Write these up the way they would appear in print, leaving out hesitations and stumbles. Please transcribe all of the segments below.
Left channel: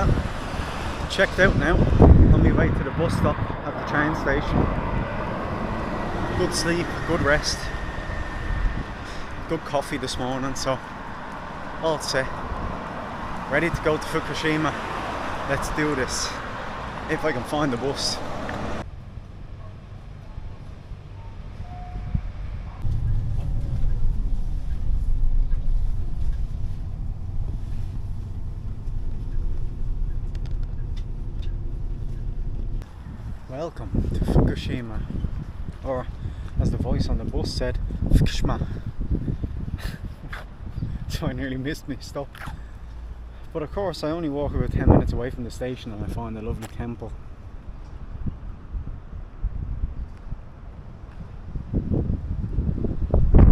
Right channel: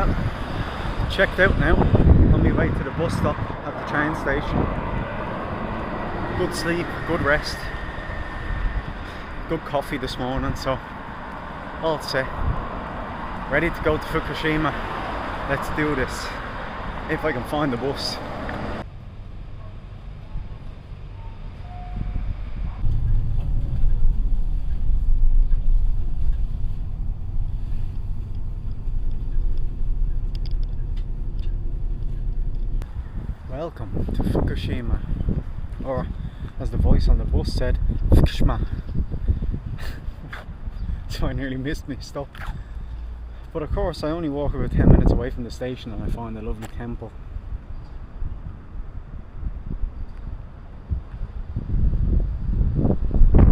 Well, checked out now, on my way to the bus stop at the train station. Good sleep, good rest, good coffee this morning, so all set. Ready to go to Fukushima. Let's do this, if I can find the bus. Welcome to Fukushima, or as the voice on the bus said, Fukushima. So I nearly missed my stop. But of course I only walk about 10 minutes away from the station and I find a lovely temple.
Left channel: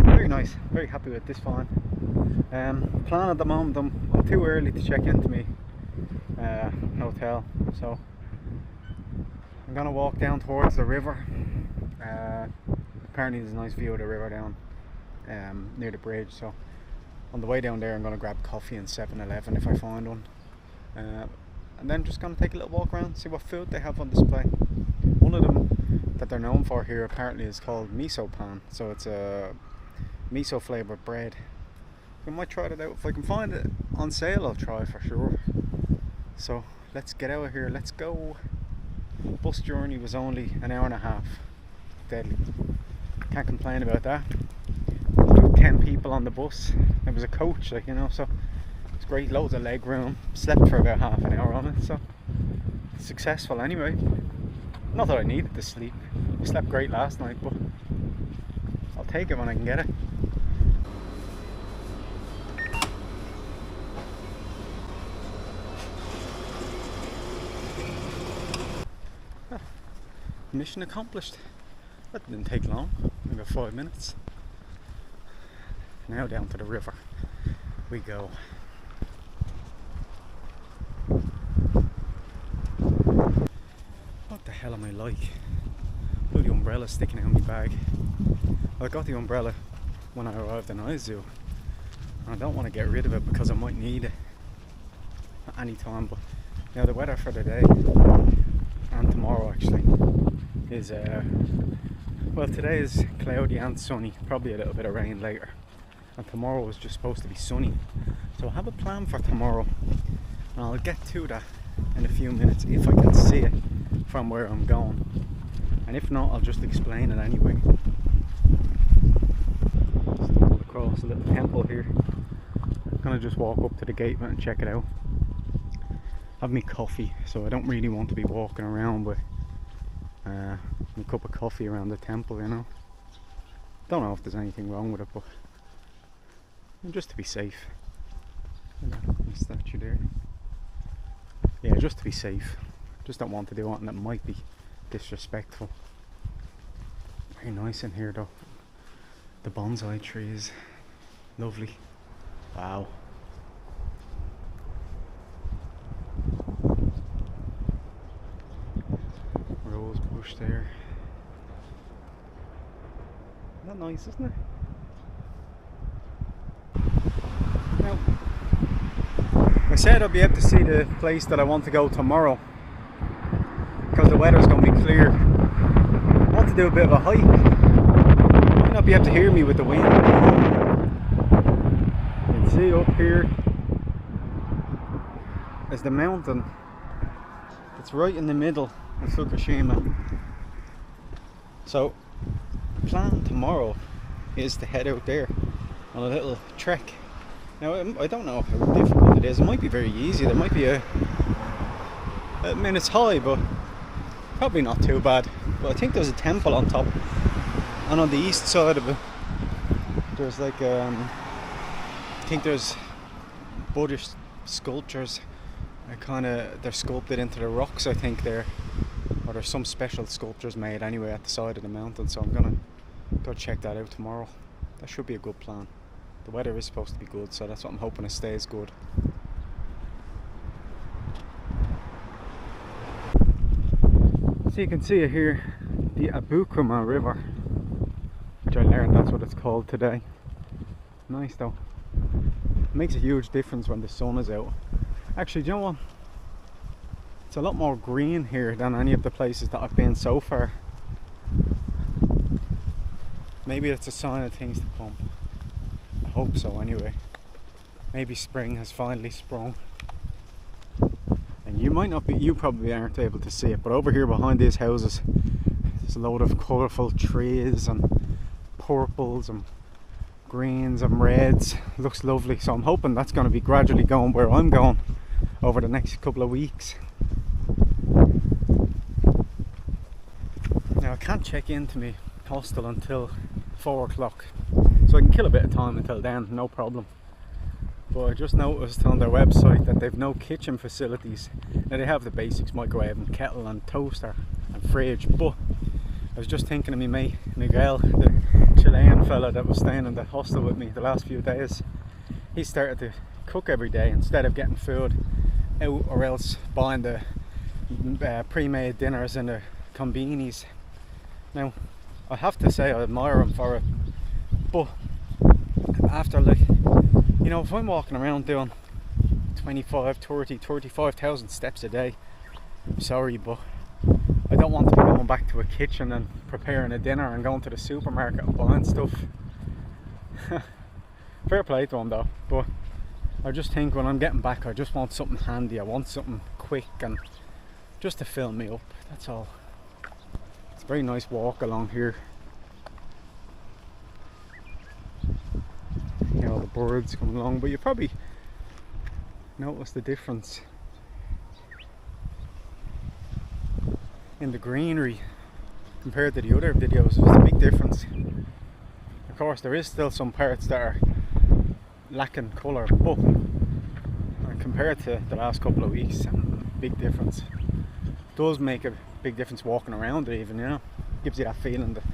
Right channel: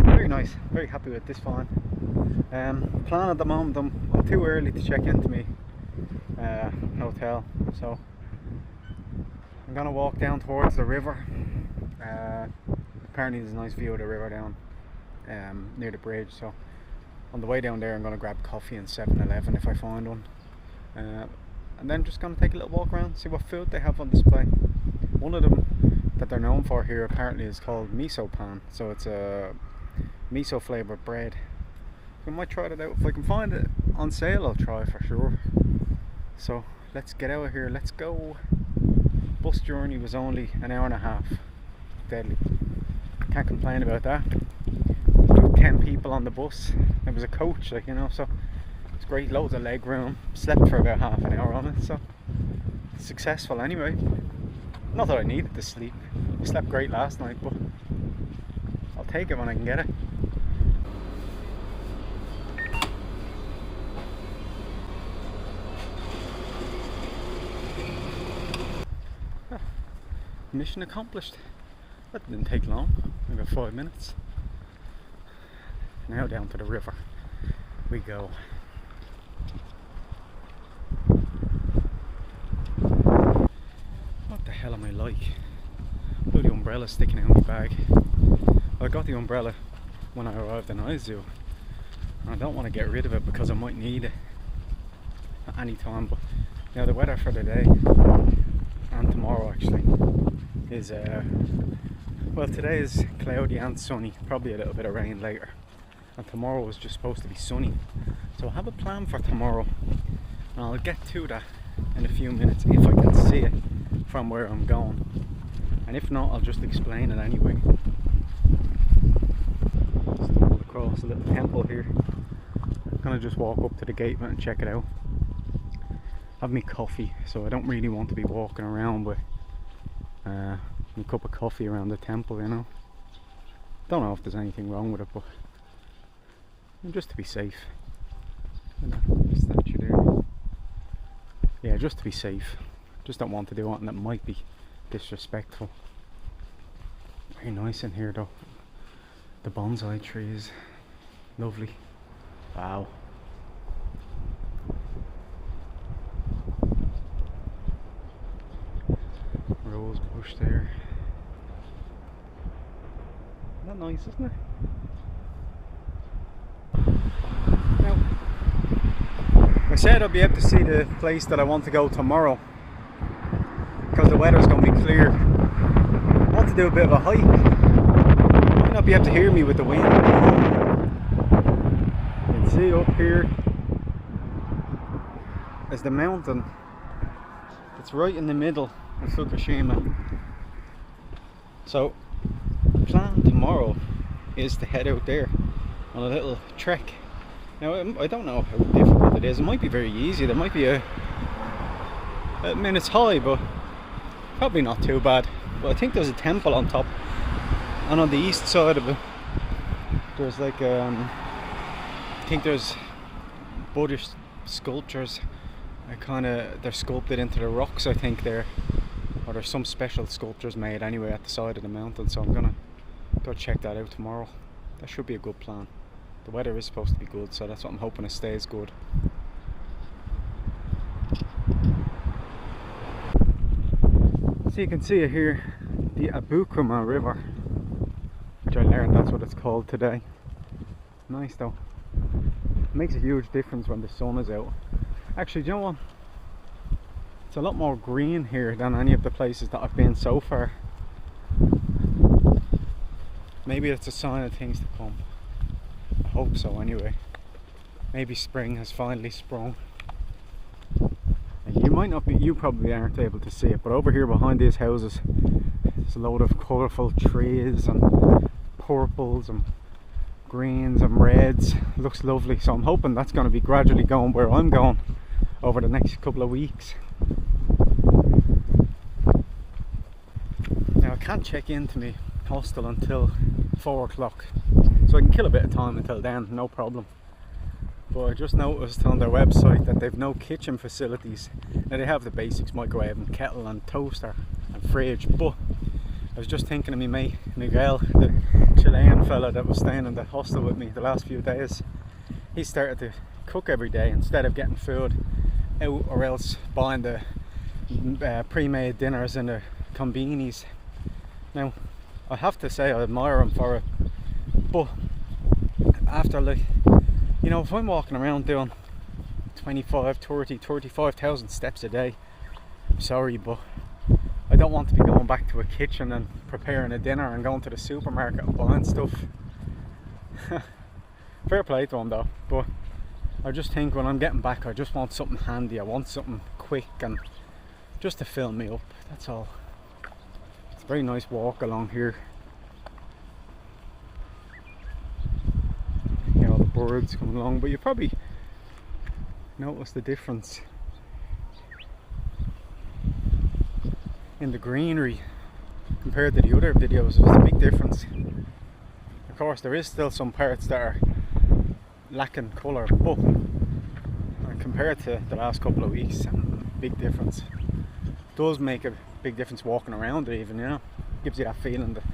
Very nice, very happy with this find. Plan at the moment, I'm too early to check into my hotel, so I'm gonna walk down towards the river. Apparently there's a nice view of the river down near the bridge, so on the way down there I'm gonna grab coffee in 7-Eleven if I find one, and then just gonna take a little walk around, see what food they have on display. One of them that they're known for here apparently is called miso pan, so it's a miso flavoured bread. I might try it out. If I can find it on sale I'll try for sure. So let's get out of here, let's go. Bus journey was only an hour and a half. Deadly. Can't complain about that. About 10 people on the bus. It was a coach, like, you know, so it's great, loads of leg room. Slept for about half an hour on it, so successful anyway. Not that I needed to sleep. I slept great last night, but I'll take it when I can get it. Mission accomplished. That didn't take long, maybe 5 minutes. Now down to the river we go. What the hell am I like? Bloody umbrella sticking out of my bag. I got the umbrella when I arrived in Izu. I don't want to get rid of it because I might need it at any time, but now the weather for the day and tomorrow actually is well, today is cloudy and sunny, probably a little bit of rain later, and tomorrow is just supposed to be sunny. So I have a plan for tomorrow and I'll get to that in a few minutes if I can see it from where I'm going, and if not I'll just explain it anyway. Stumbled across a little temple here. I'm gonna just walk up to the gate and check it out. Have me coffee, so I don't really want to be walking around with a cup of coffee around the temple, you know. Don't know if there's anything wrong with it, but just to be safe. Statue there. Yeah, just to be safe. Just don't want to do anything that might be disrespectful. Very nice in here though. The bonsai trees, lovely. Wow. Rose bush there. Isn't that nice, isn't it? Now, I said I'll be able to see the place that I want to go tomorrow because the weather's going to be clear. I want to do a bit of a hike. You might not be able to hear me with the wind. You can see up here is the mountain. It's right in the middle of Fukushima. So the plan tomorrow is to head out there on a little trek. Now I don't know how difficult it is. It might be very easy. There might be I mean, it's high, but probably not too bad. But I think there's a temple on top, and on the east side of it there's like I think there's Buddhist sculptures. They're sculpted into the rocks, I think, there. Or there's some special sculptures made anyway at the side of the mountain, so I'm gonna go check that out tomorrow. That should be a good plan. The weather is supposed to be good, so that's what I'm hoping it stays good. So you can see it here, the Fukushima River, which I learned that's what it's called today. Nice though. It makes a huge difference when the sun is out. Actually, do you know what? a lot more green here than any of the places that I've been so far. Maybe it's a sign of things to come. I hope so anyway. Maybe spring has finally sprung. And you might not be, you probably aren't able to see it, but over here behind these houses there's a load of colourful trees and purples and greens and reds. It looks lovely, so I'm hoping that's going to be gradually going where I'm going over the next couple of weeks. Now I can't check into my hostel until 4 o'clock, so I can kill a bit of time until then, no problem. But I just noticed on their website that they've no kitchen facilities. Now they have the basics, microwave and kettle and toaster and fridge, but I was just thinking of me mate Miguel, the Chilean fella that was staying in the hostel with me the last few days. He started to cook every day instead of getting food out or else buying the pre-made dinners in the convenies. Now I have to say I admire him for it, but after, like, you know, if I'm walking around doing 25, 30, 35,000 steps a day, I'm sorry, but I don't want to be going back to a kitchen and preparing a dinner and going to the supermarket and buying stuff. Fair play to him though, but I just think when I'm getting back I just want something handy, I want something quick and just to fill me up, that's all. It's a very nice walk along here. You know, the birds coming along, but you probably notice the difference in the greenery compared to the other videos. There's a big difference. Of course there is still some parts that are lacking colour, but compared to the last couple of weeks, big difference. It does make a big difference walking around it even, you know, gives you that feeling that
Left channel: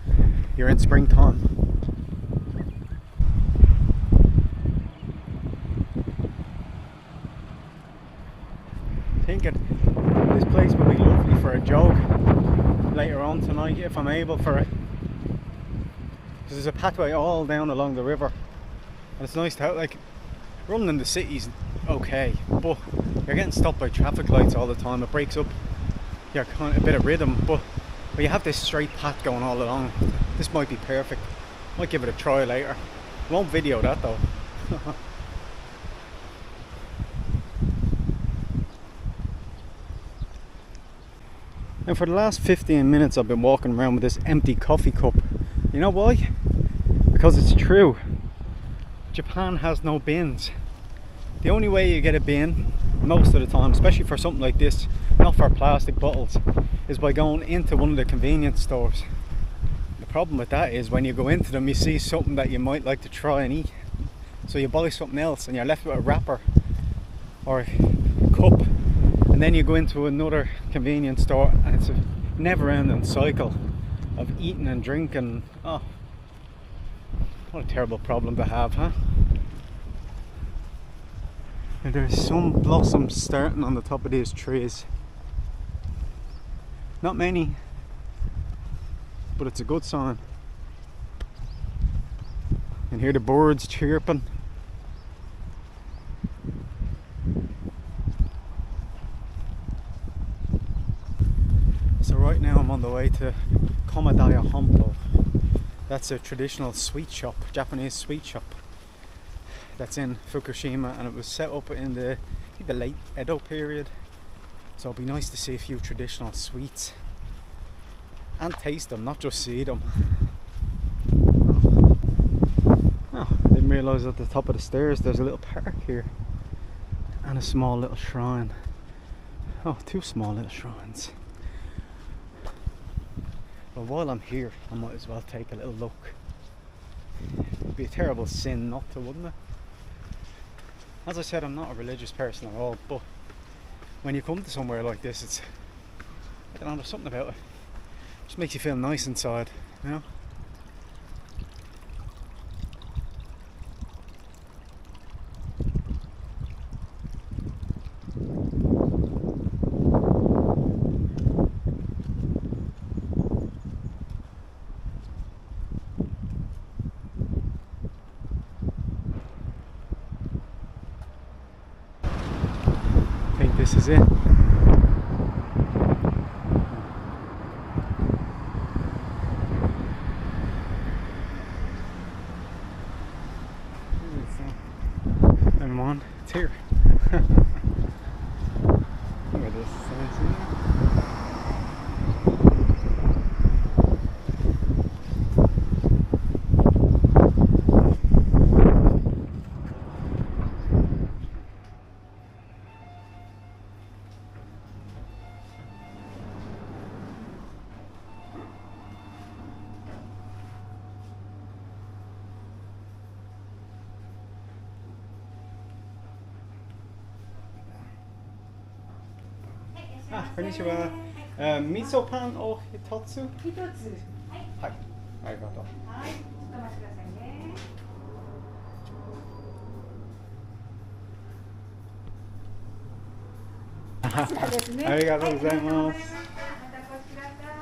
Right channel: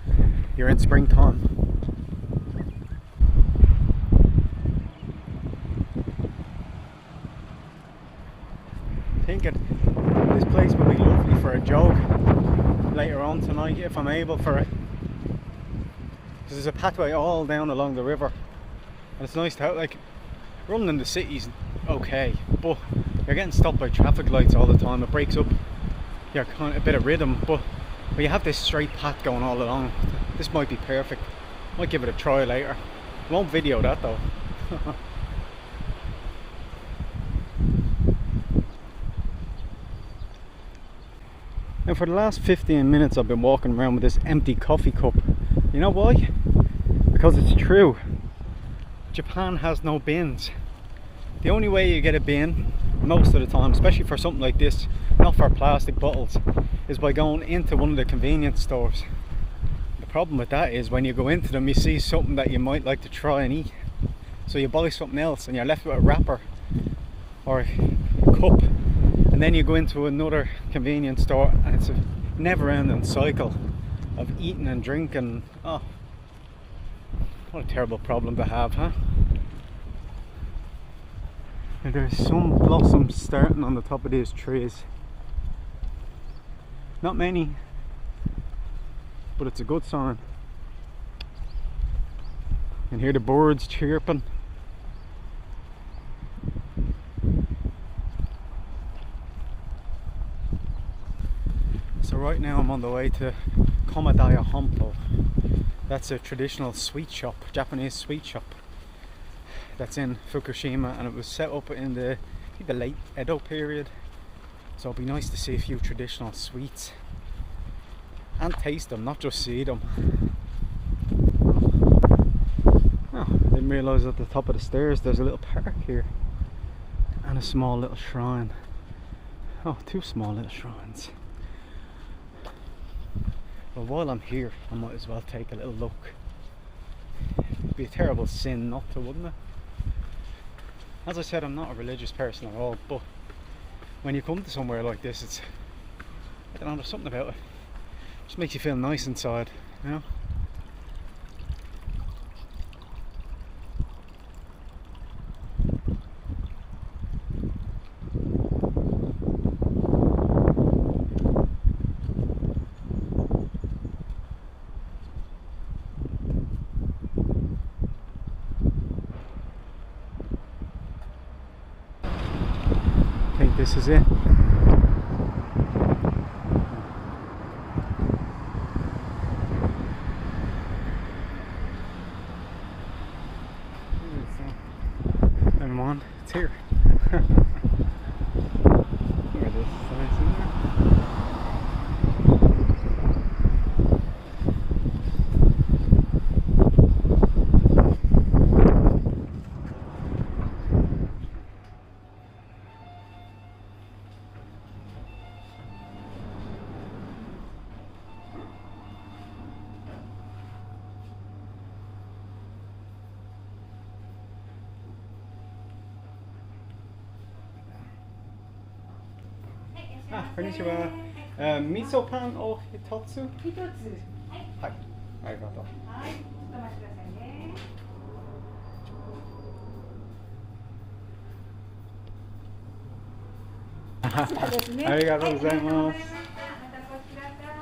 you're in springtime. Thinking this place would be lovely for a jog later on tonight if I'm able for it, because there's a pathway all down along the river and it's nice to have, like, running in the city's okay, but you're getting stopped by traffic lights all the time. It breaks up your kind of a bit of rhythm, but when you have this straight path going all along, this might be perfect. Might give it a try later. Won't video that though. And for the last 15 minutes I've been walking around with this empty coffee cup. You know why? Because it's true. Japan has no bins. The only way you get a bin most of the time, especially for something like this, not for plastic bottles, is by going into one of the convenience stores. The problem with that is when you go into them you see something that you might like to try and eat, so you buy something else and you're left with a wrapper or a cup, and then you go into another convenience store and it's a never-ending cycle of eating and drinking. Oh, what a terrible problem to have, huh? And there's some blossoms starting on the top of these trees. Not many, but it's a good sign. You can hear the birds chirping. So right now I'm on the way to Komadaya Honpo. That's a traditional sweet shop, Japanese sweet shop, that's in Fukushima, and it was set up in the, I think, the late Edo period. So it'd be nice to see a few traditional sweets and taste them, not just see them. Oh, I didn't realise at the top of the stairs there's a little park here and a small little shrine. Oh, two small little shrines. Well, while I'm here I might as well take a little look. It'd be a terrible sin not to, wouldn't it? As I said, I'm not a religious person at all, but when you come to somewhere like this, it's, I don't know, there's something about it. It just makes you feel nice inside, you know? I think this is it. あ、こんにちは。味噌パンを一つ。一つ。はい。ありがとう。はい。ちょっとお待ちくださいね。こちらですね。ありがとうございます。はい、ありがとうございました。またこちらから。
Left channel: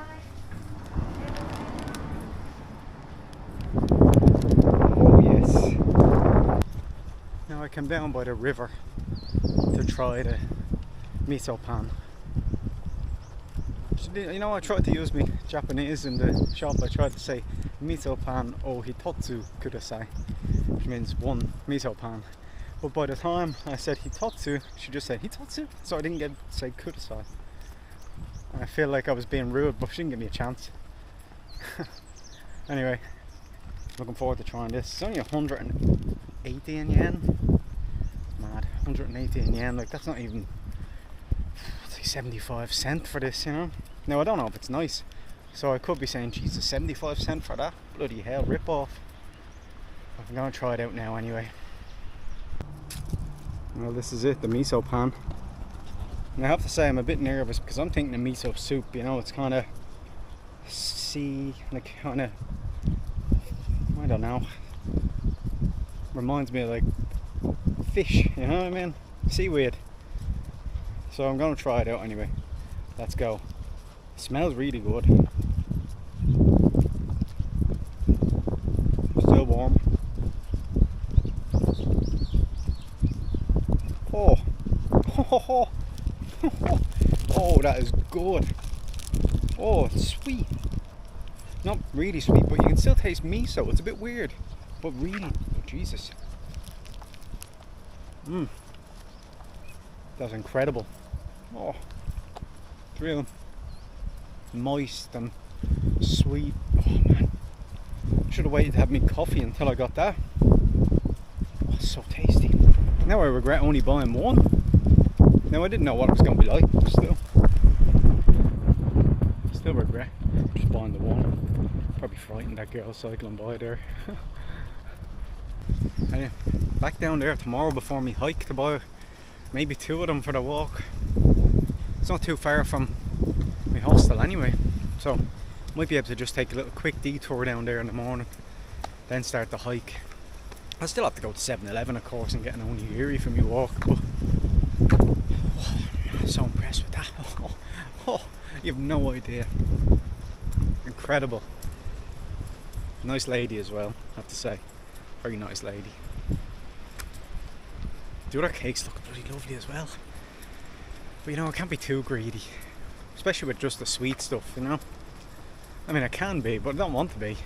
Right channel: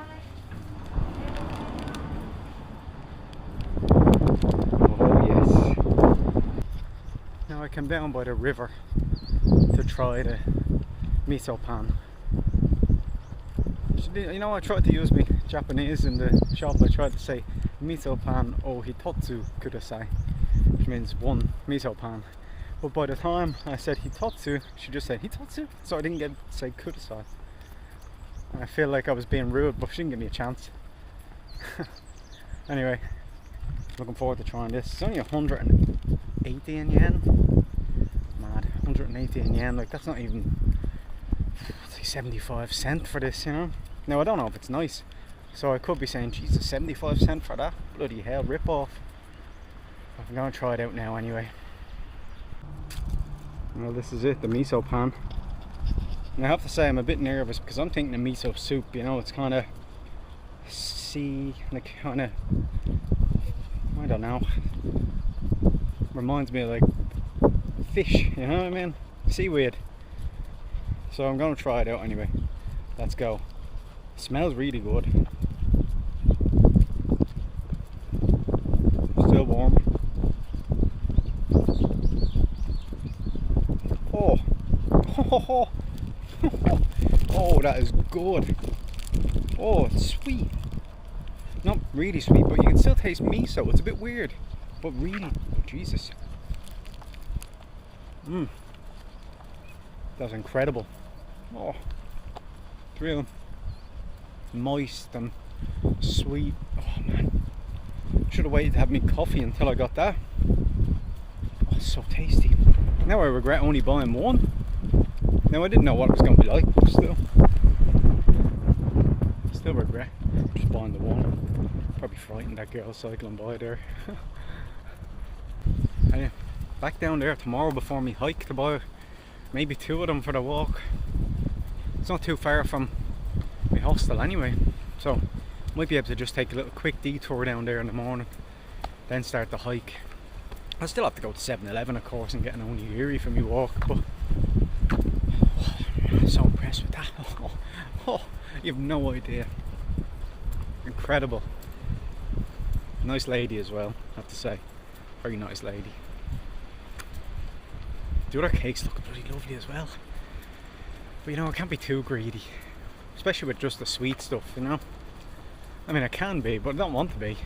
Oh yes. Now I came down by the river to try the miso pan. You know, I tried to use my Japanese in the shop. I tried to say miso pan o hitotsu kudasai, which means one miso pan. But by the time I said hitotsu, she just said hitotsu, so I didn't get to say kudasai. I feel like I was being rude, but she didn't give me a chance. Anyway, looking forward to trying this. It's only 180 yen. Mad, 180 yen. Like, that's not even, it's like 75 cents for this, you know. Now I don't know if it's nice, so I could be saying, Jesus, 75 cents for that? Bloody hell, rip off. I'm gonna try it out now anyway. Well, this is it, the miso pan. And I have to say I'm a bit nervous because I'm thinking of miso soup, you know, it's kind of like kind of, I don't know, reminds me of like fish, you know what I mean? Seaweed. So I'm going to try it out anyway. Let's go. It smells really good. Still warm. Oh. Oh, that is good. Oh, it's sweet. Not really sweet, but you can still taste miso. It's a bit weird, but really, oh, Jesus. That's incredible. Oh, it's real moist and sweet. Oh man, should have waited to have me coffee until I got that. Oh, so tasty. Now I regret only buying one. Now I didn't know what it was going to be like, but still regret just buying the one. Probably frightened that girl cycling by there. Anyway, back down there tomorrow before me hike to buy maybe 2 of them for the walk. It's not too far from my hostel anyway, so might be able to just take a little quick detour down there in the morning, then start the hike. I still have to go to 7-Eleven of course and get an onigiri for me walk, but I'm so impressed with that. You have no idea. Incredible. Nice lady as well, I have to say. Very nice lady. The other cakes look bloody lovely as well. But you know, I can't be too greedy. Especially with just the sweet stuff, you know. I mean, I can be, but I don't want to be.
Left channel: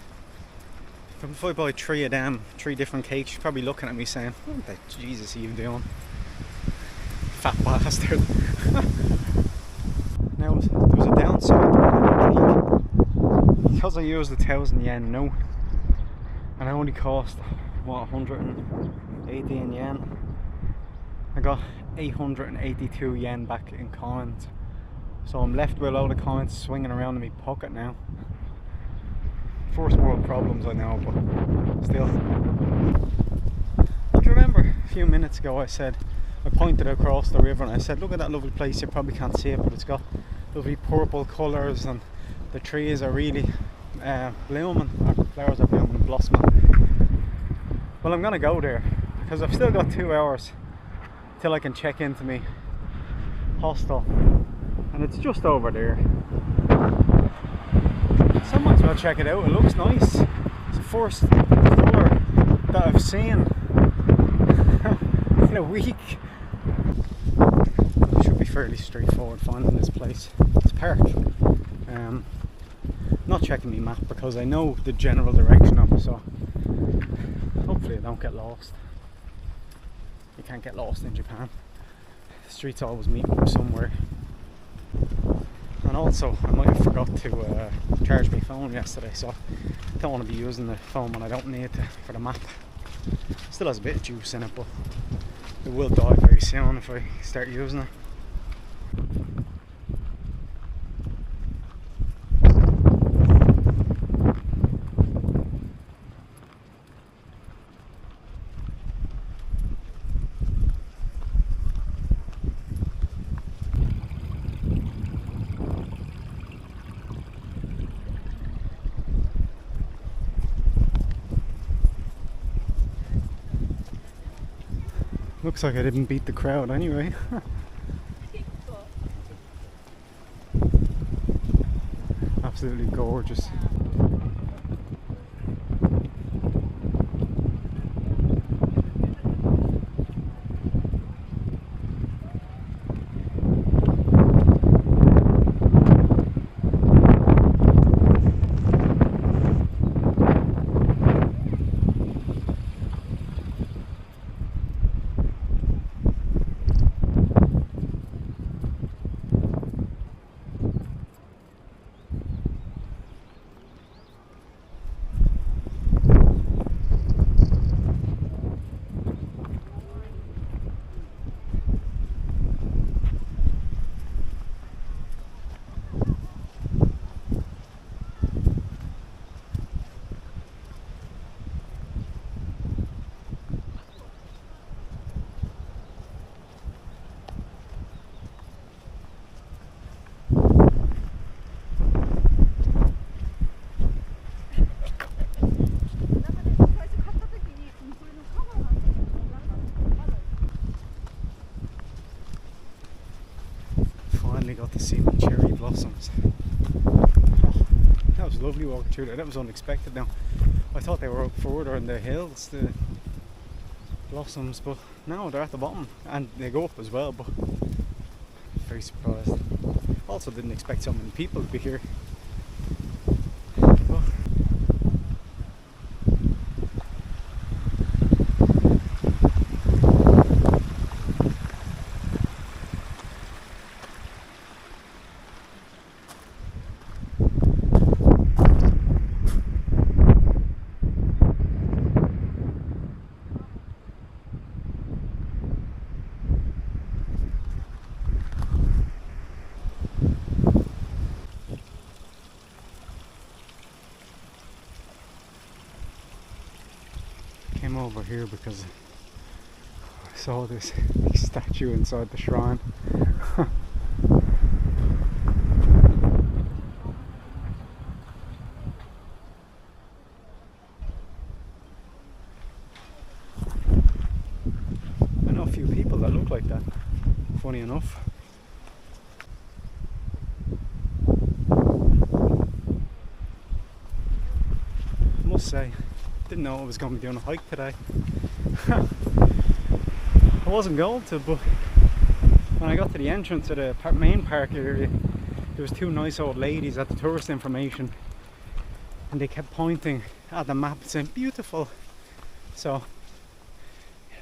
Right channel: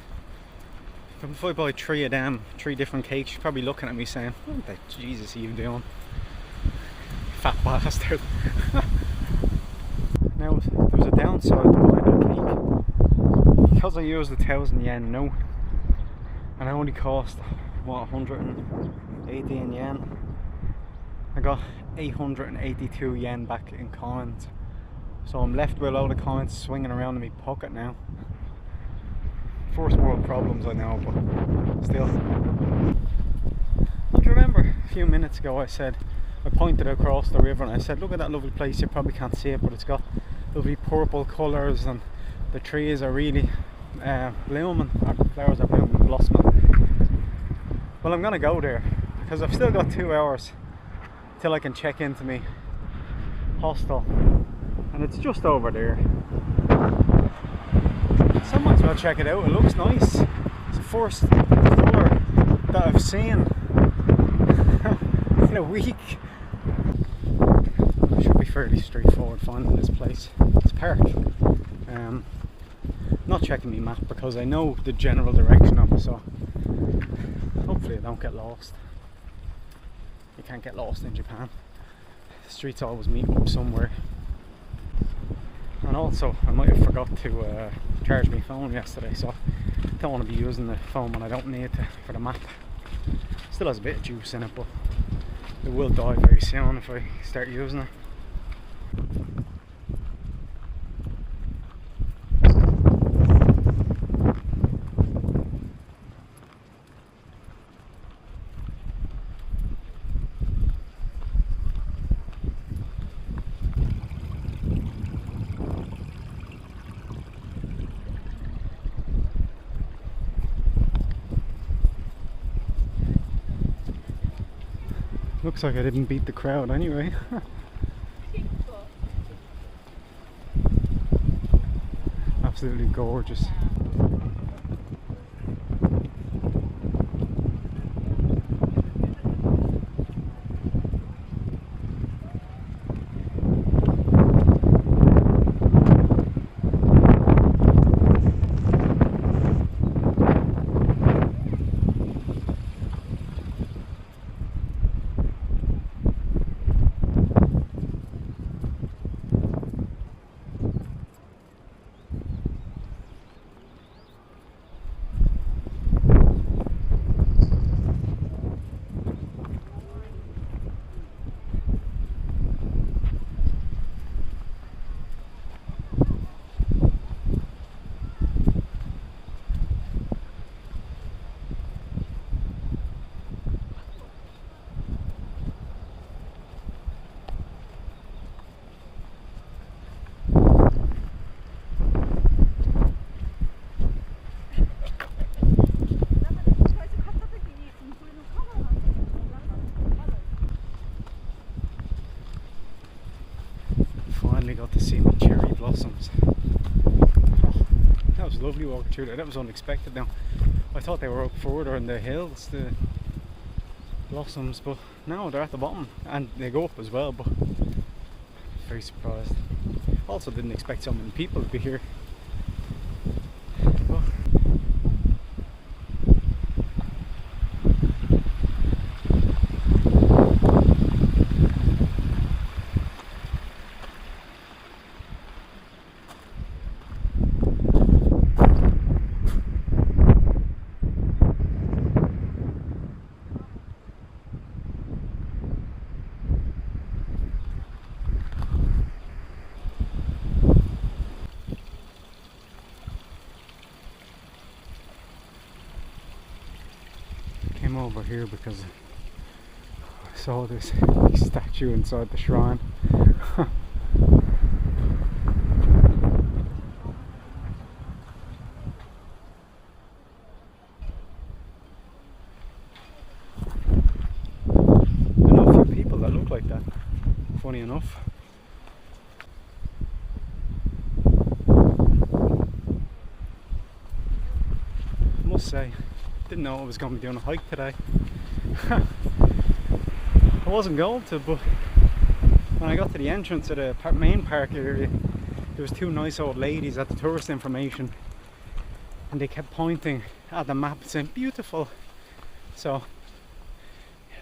If I buy 3 of them, 3 different cakes, you're probably looking at me saying, what the Jesus are you doing? Fat bastard. Now, there was a downside to buying that cake. Because I used 1,000 yen, no. And it only cost, what, 118 yen? I got 882 yen back in coins. So I'm left with a load of coins swinging around in my pocket now. First world problems, I know, but still. Do you remember a few minutes ago I pointed across the river and I said, look at that lovely place, you probably can't see it, but it's got lovely purple colours and the trees are really blooming, or the flowers are blooming, blossoming. Well, I'm gonna go there because I've still got 2 hours till I can check into my hostel, and it's just over there. So I might as well check it out. It looks nice. It's the first colour that I've seen in a week. It should be fairly straightforward finding this place. It's a park. Not checking my map because I know the general direction of it, so hopefully I don't get lost. You can't get lost in Japan. The streets always meet up somewhere. And also, I might have forgot to charge my phone yesterday, so I don't want to be using the phone when I don't need to for the map. Still has a bit of juice in it, but it will die very soon if I start using it. Looks like I didn't beat the crowd anyway. Absolutely gorgeous. Finally got to see my cherry blossoms. Oh, that was lovely walking through there. That was unexpected. Now, I thought they were up further in the hills, the blossoms, but no, they're at the bottom and they go up as well. But very surprised. Also, didn't expect so many people to be here. But came over here because I saw this big statue inside the shrine. I know a few people that look like that, funny enough. I must say, didn't know I was going to be doing a hike today. I wasn't going to, but when I got to the entrance of the main park area, there was two nice old ladies at the tourist information, and they kept pointing at the map and saying beautiful. So,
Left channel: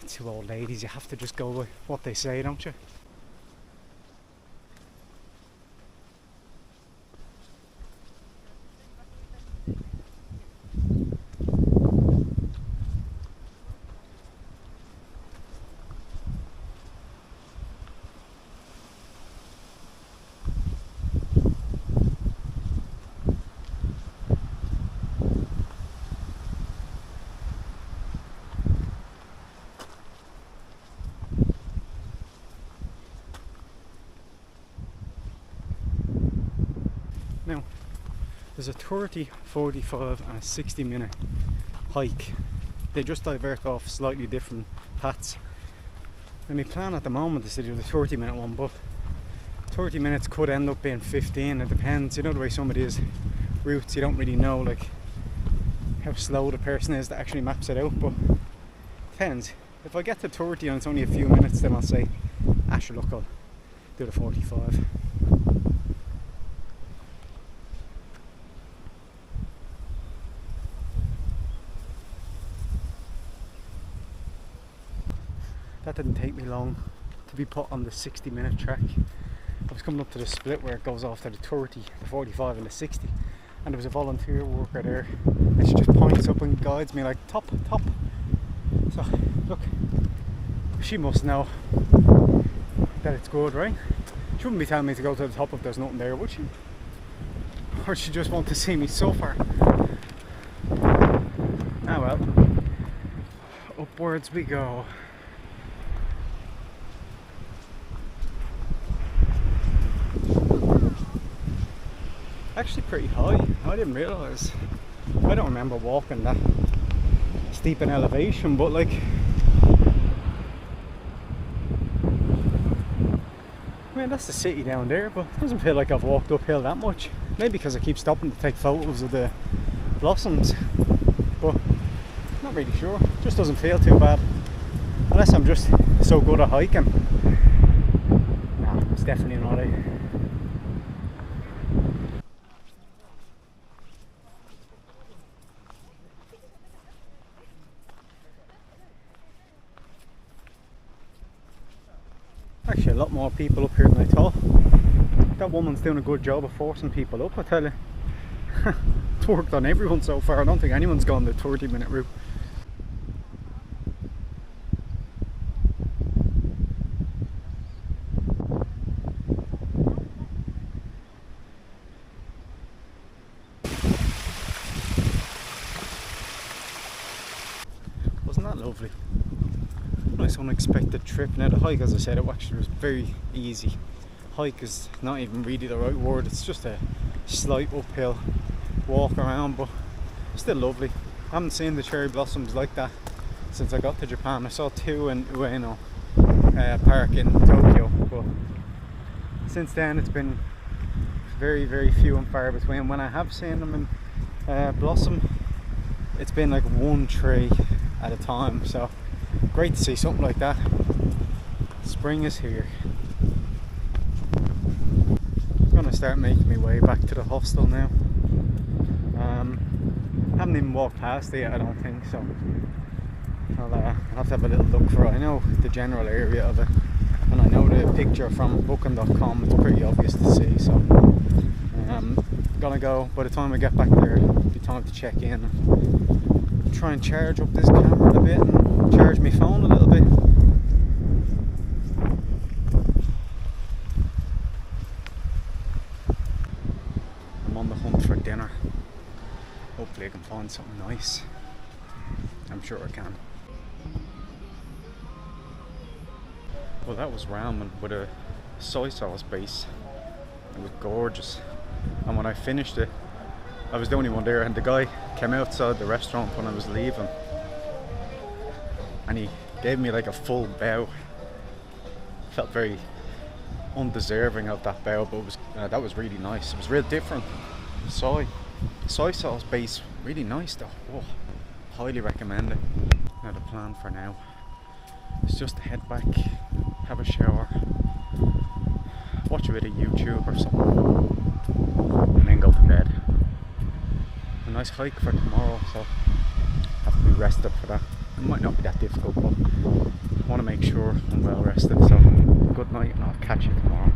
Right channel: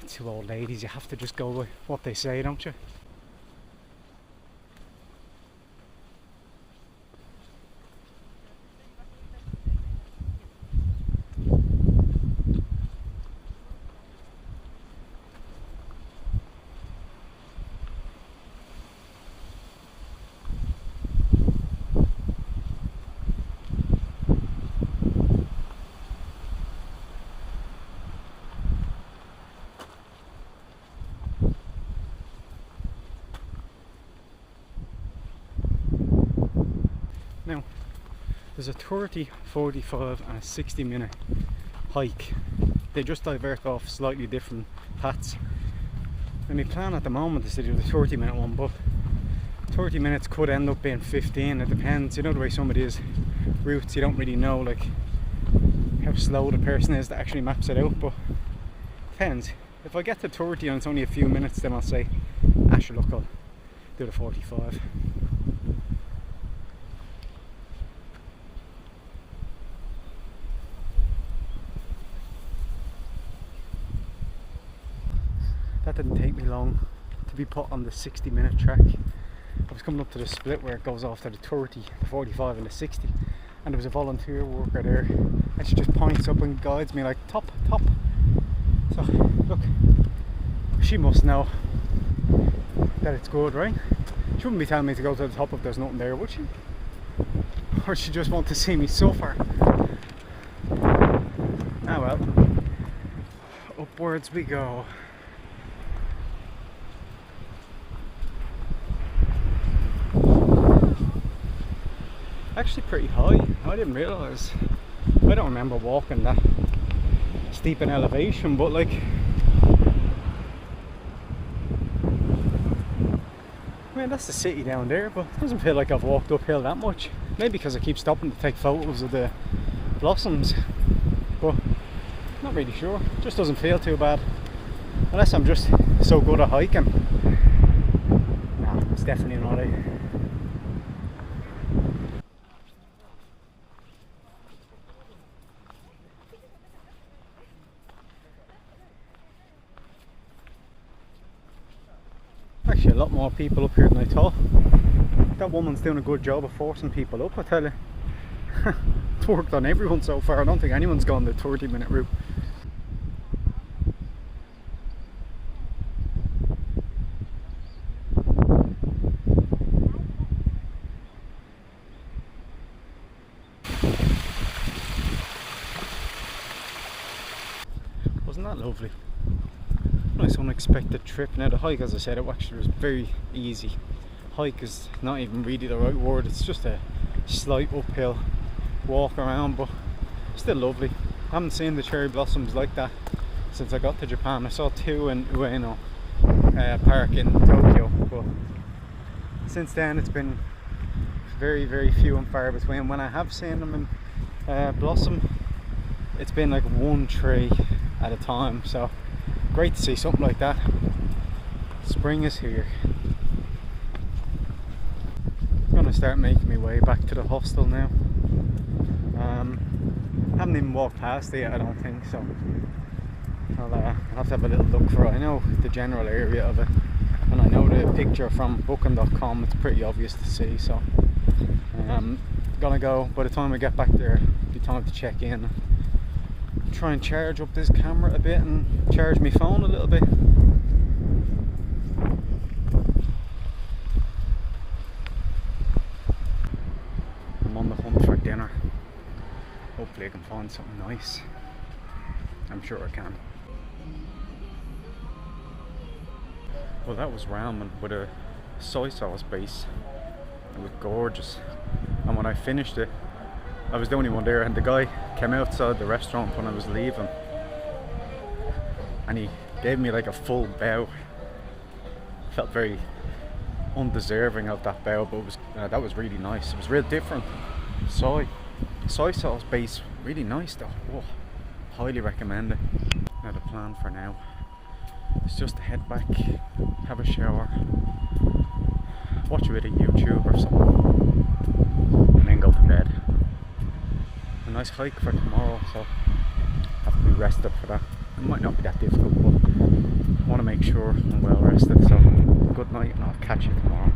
two old ladies, you have to just go with what they say, don't you? Now, there's a 30, 45 and a 60-minute hike. They just divert off slightly different paths. And my plan at the moment is to do the 30-minute one, but 30 minutes could end up being 15. It depends, you know, the way some of these routes, you don't really know like how slow the person is that actually maps it out, but depends. If I get to 30 and it's only a few minutes, then I'll say, sure, look, I'll do the 45. That didn't take me long to be put on the 60-minute track. I was coming up to the split where it goes off to the 30, the 45 and the 60, and there was a volunteer worker there, and she just points up and guides me like top. So look, she must know that it's good, right? She wouldn't be telling me to go to the top if there's nothing there, would she? Or she just want to see me suffer. Ah well, upwards we go. Actually pretty high. I didn't realise. I don't remember walking that steep in elevation, but like Yeah, that's the city down there, but it doesn't feel like I've walked uphill that much. Maybe because I keep stopping to take photos of the blossoms, but not really sure. It just doesn't feel too bad. Unless I'm just so good at hiking. Nah, it's definitely not it. Actually, a lot more people up here than I thought. That woman's doing a good job of forcing people up, I tell you. It's worked on everyone so far. I don't think anyone's gone the 30-minute route. Wasn't that lovely? Nice unexpected trip. Now the hike, as I said, it actually was very easy. Hike is not even really the right word, it's just a slight uphill walk around, but still lovely. I haven't seen the cherry blossoms like that since I got to Japan. I saw two in Ueno Park in Tokyo, but since then it's been very, very few and far between. When I have seen them in blossom, it's been like one tree at a time, so great to see something like that. Spring is here. I'm gonna start making my way back to the hostel now. Haven't even walked past it yet, I don't think, so I'll have to have a little look for it. I know the general area of it, and I know the picture from booking.com, it's pretty obvious to see, so gonna go. By the time I get back there, it'll be time to check in, try and charge up this camera a bit and charge my phone a little bit. I'm on the hunt for dinner. Hopefully I can find something nice. I'm sure I can. Well, that was ramen with a soy sauce base. It was gorgeous. And when I finished it, I was the only one there, and the guy came outside the restaurant when I was leaving and he gave me like a full bow. Felt very undeserving of that bow, but it was, that was really nice. It was real different. Soy sauce base, really nice though. Whoa, highly recommend it. Now the plan for now is just to head back, have a shower, watch a bit of YouTube or something, and then go to bed. A nice hike for tomorrow, so have to be rested for that. It might not be that difficult, but I want to make sure I'm well rested. So good night, and I'll catch you tomorrow.